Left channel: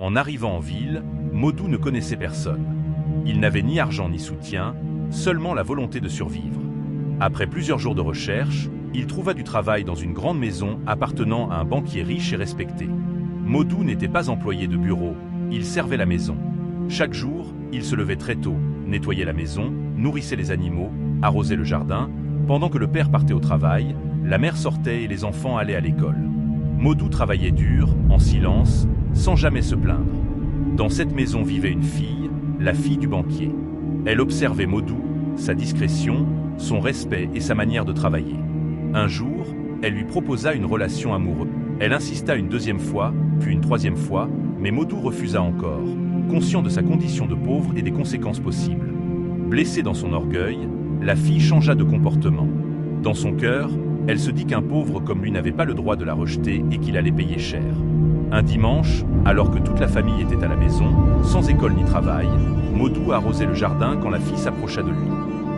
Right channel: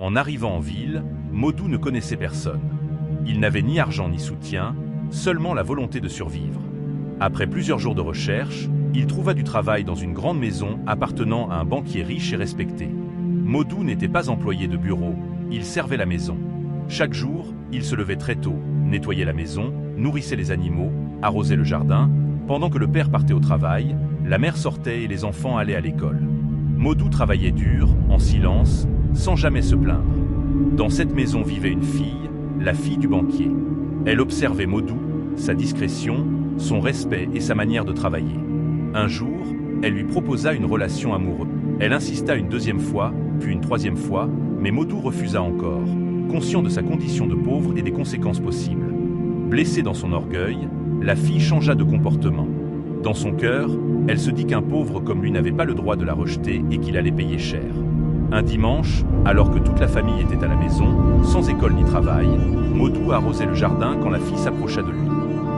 En arrivant en ville, Modou ne connaissait personne. Il n'avait ni argent ni soutien, seulement la volonté de survivre. Après plusieurs jours de recherche, il trouva du travail dans une grande maison appartenant à un banquier riche et respecté. Modou n'était pas employé de bureau, il servait la maison. Chaque jour, il se levait très tôt, nettoyait la maison, nourrissait les animaux, arrosait le jardin. Pendant que le père partait au travail, la mère sortait et les enfants allaient à l'école. Modou travaillait dur, en silence, sans jamais se plaindre. Dans cette maison vivait une fille, la fille du banquier. Elle observait Modou, sa discrétion, son respect et sa manière de travailler. Un jour, elle lui proposa une relation amoureuse. Elle insista une deuxième fois, puis une troisième fois, mais Modou refusa encore, conscient de sa condition de pauvre et des conséquences possibles. Blessée dans son orgueil, la fille changea de comportement. Dans son cœur, elle se dit qu'un pauvre comme lui n'avait pas le droit de la rejeter et qu'il allait payer cher. Un dimanche, alors que toute la famille était à la maison, sans école ni travail, Modou arrosait le jardin quand la fille s'approcha de lui.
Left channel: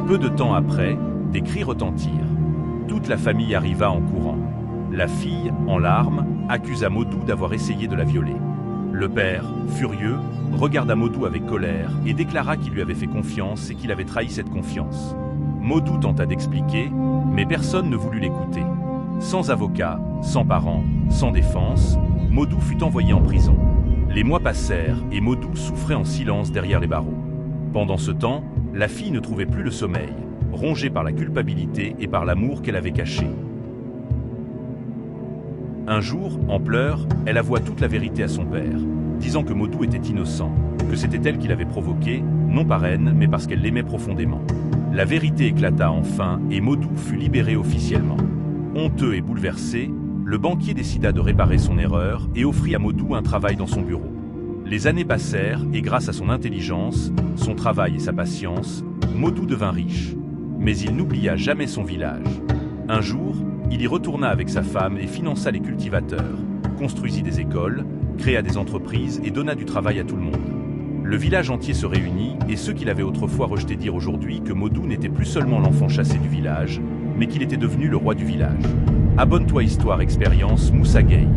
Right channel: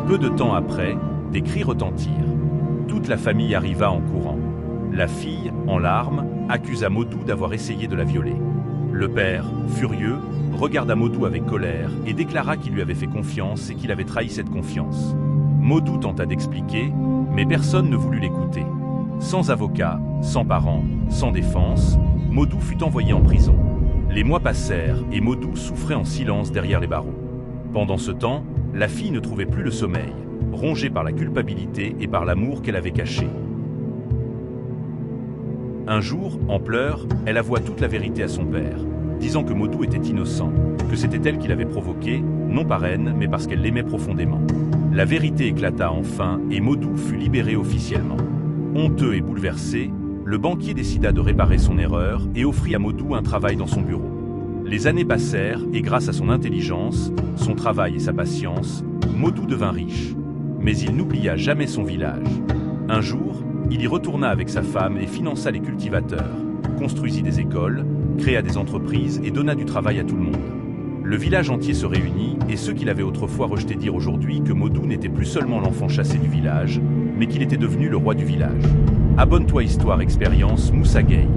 Peu de temps après, des cris retentirent. Toute la famille arriva en courant. La fille, en larmes, accusa Modou d'avoir essayé de la violer. Le père, furieux, regarda Modou avec colère et déclara qu'il lui avait fait confiance et qu'il avait trahi cette confiance. Modou tenta d'expliquer, mais personne ne voulut l'écouter. Sans avocat, sans parents, sans défense, Modou fut envoyé en prison. Les mois passèrent et Modou souffrait en silence derrière les barreaux. Pendant ce temps, la fille ne trouvait plus le sommeil, rongée par la culpabilité et par l'amour qu'elle avait caché. Un jour, en pleurs, elle avoua toute la vérité à son père, disant que Modou était innocent, que c'était elle qui l'avait provoqué, non par haine, mais parce qu'elle l'aimait profondément. La vérité éclata enfin et Modou fut libéré officiellement. Honteux et bouleversé, le banquier décida de réparer son erreur et offrit à Modou un travail dans son bureau. Les années passèrent et grâce à son intelligence, son travail et sa patience, Modou devint riche. Mais il n'oublia jamais son village. Un jour, il y retourna avec sa femme et finança les cultivateurs, construisit des écoles, créa des entreprises et donna du travail à tout le monde. Le village entier se réunit et ceux qui l'avaient autrefois rejeté dirent aujourd'hui que Modou n'était plus seulement l'enfant chassé du village, mais qu'il était devenu le roi du village. Abonne-toi Histoire Expérience Moussa Gueye.